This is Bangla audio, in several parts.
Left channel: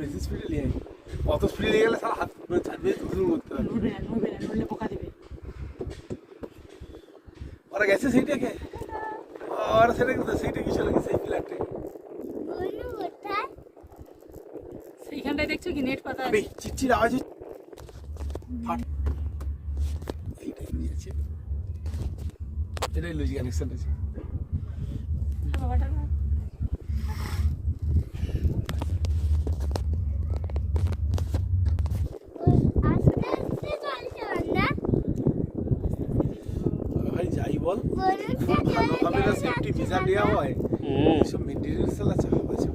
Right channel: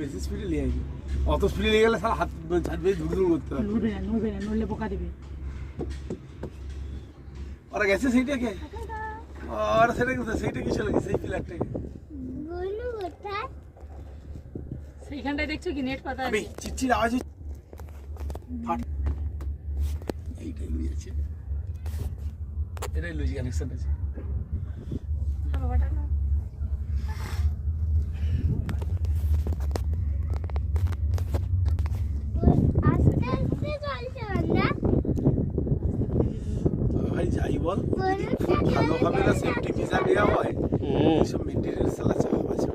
বেশি স্পিডে নিয়ে গেছে, অত স্পিডে নিয়ে গেলে সারা হাত ছাদ বেয়ে ধুধুর করতে হবে। নড়লে পোকা দিবে। ওরা গেছে সেইটাকে, ওরা সেটা কোথায়, সেইটা কি চলে গেছে, সেই পিলারটাকে সেইখানটায় দেখছো কি নেট পাতা আমি আছে? চিচির আওয়াজ এইটাই লুজ আছে, এটাই লুজ কানেকশন আছে। ভাই যাই বল, খুব ভালোভাবে না সেফটি ভিসা নেওয়া হয়, এসব মেটেরিয়াল সালা চাপ আছে।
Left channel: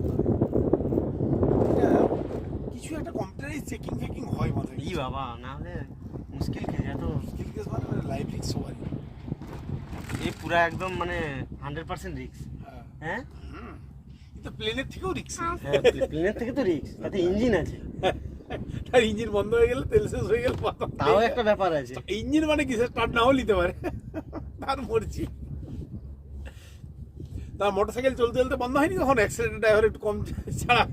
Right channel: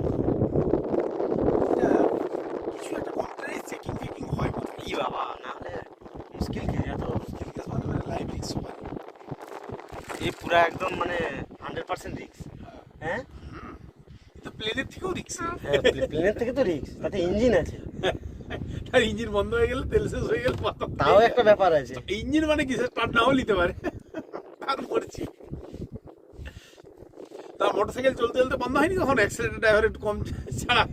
কিছু একটা কম্পিউটারে চেকিং ফেকিং হয় মাথায়, ই বাবা, না হলে মুশকিল খেয়ে যেত। মুশকিল কেস মানে লাইভ রিস্ক হয়। এ পুরা একদম মানে 100% রিস্ক। হ্যাঁ, কিন্তু প্লেনের থেকেও রিস্ক। হ্যাঁ, প্লেনের থেকে তো রিস্ক, তাতে ইঞ্জিন আছে। তার ইঞ্জিন বন্ধ হয়ে গেলে, তেল শেষ হয়ে গেলে তাও একটা ব্যাপার আছে। ইঞ্জিন মানে কি, স্টার্ট নাও নিতে পারে, তার মরছি। তার মোটরসাইকেল চলতে চলতে বন্ধ হয়নি কখন, অ্যাক্সিডেন্ট ড্রাইভার একটু কম ছাড়া,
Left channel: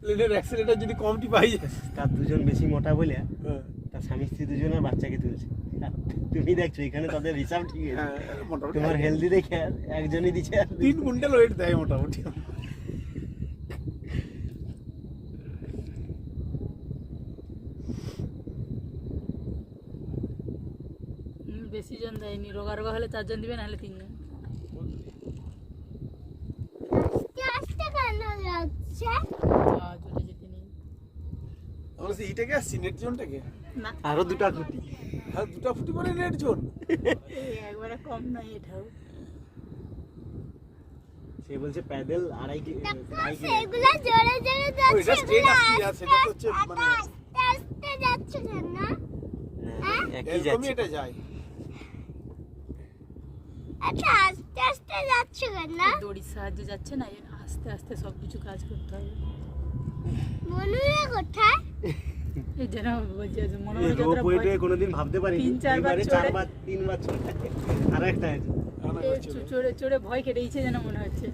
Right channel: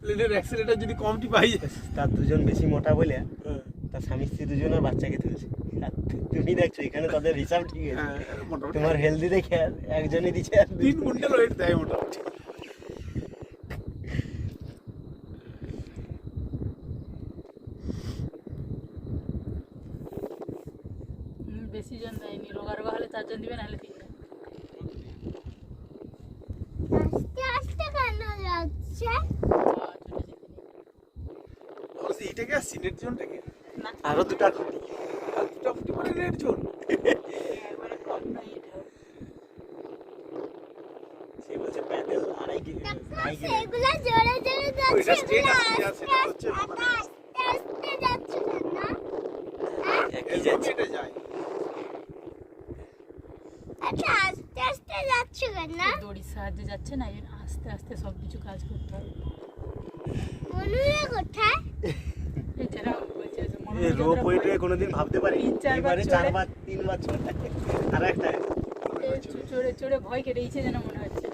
প্লেনের অ্যাক্সিডেন্টার যদি কমটি পাই যায়। তার দুজন বেশি মোটা বলে তার স্বামী স্ত্রী দুজনের বাচ্চাকে তুলছে। আর তুমি দেখছো এখানে তাদের হিসাব ঠিক আছে, মোটামুটি তোমার হেলদি দেখে একজনই দিচ্ছে আর 3 কুইন্টাল ওয়েট দেয় মোটামুটি। বেশি জন দেয়নি, রোগা রোগা হলে 4 জন দিবে, নাহলে 3 জন। এইটাকে আসছি নেট জোনটাকে, আরো দুটা খুঁটি। আর দুটা ফুটি মানে নেট জোন। একবারে কম নাই এটাও। সে বলছে প্যাডেল আড়াই সেগুলো জোরে জোরে ওইটা যাচ্ছে, স্ট্রেট আসছে, আর সেটা হচ্ছে আস্তে যাচ্ছে না। একই যাচ্ছে। এটা যায়। আচ্ছা আস্তে আস্তে যাচ্ছে না। দড়ির সাহায্যে যাচ্ছে না, এর আস্তে আস্তে সব কিছু কাজ করতে হবে। বলুরে কোথায়? এই যেন বলছে যে মনে এই হয় রোপ যতটা ওয়েটে কোনোদিন ভাবতে পারি 3-4 বার এবারে চড়ে। 4 বার 3 বার চড়ে আর একটা চড়ে চড়ে ভয় কেটে গেছে যেন মনে হচ্ছে।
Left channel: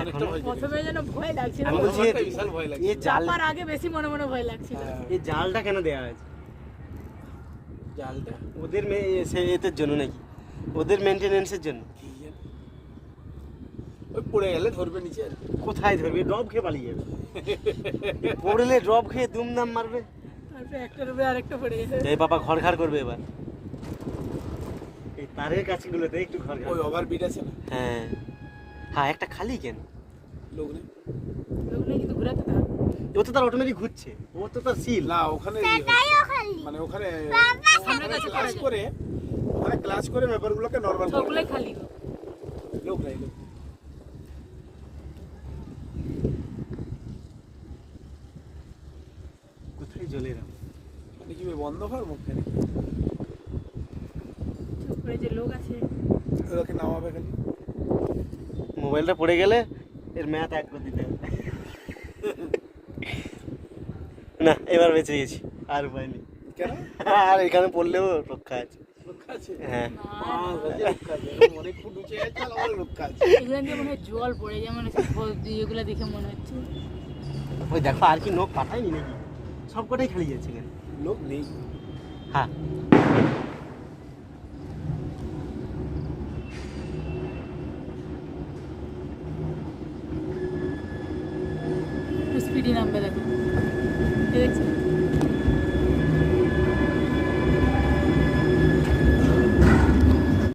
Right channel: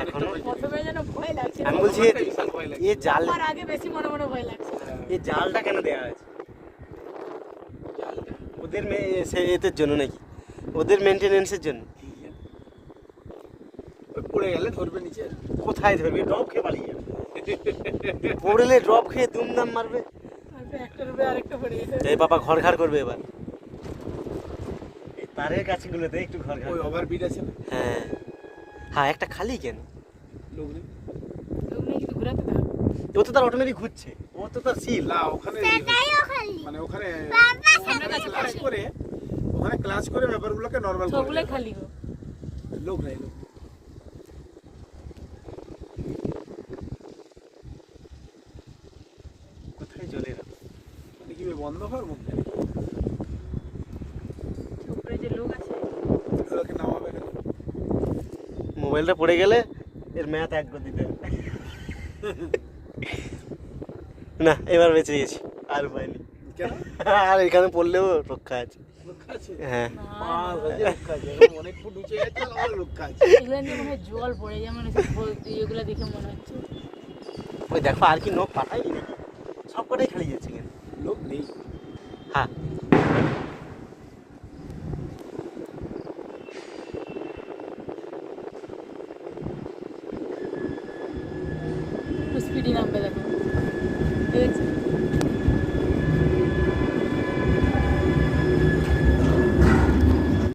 অনেকটা ভয়। প্রথমে যেন ভয় লাগছিল, আমি বলছি আমারটা বিশাল ভয় লাগে। এই জাল, আমার আগে বেশি মনে মনে ভয় লাগছিল। এই জালটা কেন দেওয়া হয়েছে? জালটা ওদের এদের জন্য নাকি, ওদের মেনটেনেন্সের জন্য? ওই পড়ে গেলে ধরবে নিচে। কোথায় ধরবে? ড্রপ খেয়ে পালিয়ে যাবে। পড়লে ড্রপ খেয়ে দুমদাম মারবে। তারপর একটার উপরে আরেকটা পড়ে গেছে। এই বাবা ঘর ঘর করবে এবার। এই তারের কাছেগুলোতে একটু ঘর ঘর। ওই ওভার বিট আছে না, হ্যাঁ হ্যাঁ, একটা খালি কেন? লোক নেই। ওগুলো কিন্তু ঘোরাতে হবে। ও তো তার অটোমেটিক ঘুরছে, ও তো তার সিল। না ওখানে সেটাইও খালি। মানে ওখানে সামনে কাছে ক্লাস পড়ে। করে, ওখানে ক্লাস করে ব্যাপারগুলোকে নরমাল করে সবগুলোই দেয়। খালি গো। লোক নাই, লোক নেই। কোথায় জলে মানে কি বন্ধ হওয়ার মুখে উপরে যে লোক আছে, ওদেরকে নামাবে খালি। মোবাইলটা পড়ে গেলে এর ম্যাথ এক করে দিতে হবে। না এবার বেঁচে গেছি, আর উপায় নেই। কেন? আর এখানে পড়লেও রক্ষা আছে। রক্ষা আছে? হ্যাঁ, মাছ আছে, রক্ষা আছে। এখন অনেক ফুট উঁচু গেছে, আর আমার রক্ষা আছে। এগুলো দিয়ে মনে হয় জল পড়ে যায়, মনে হচ্ছে এগুলো দেখে মনে হচ্ছে। ওই দেখো আর কি নখ পাঠায়নি নাকি, সব কটাই খালি যাচ্ছে কেন? লোক নেই। হ্যাঁ স্পিডি নামবে দেখো।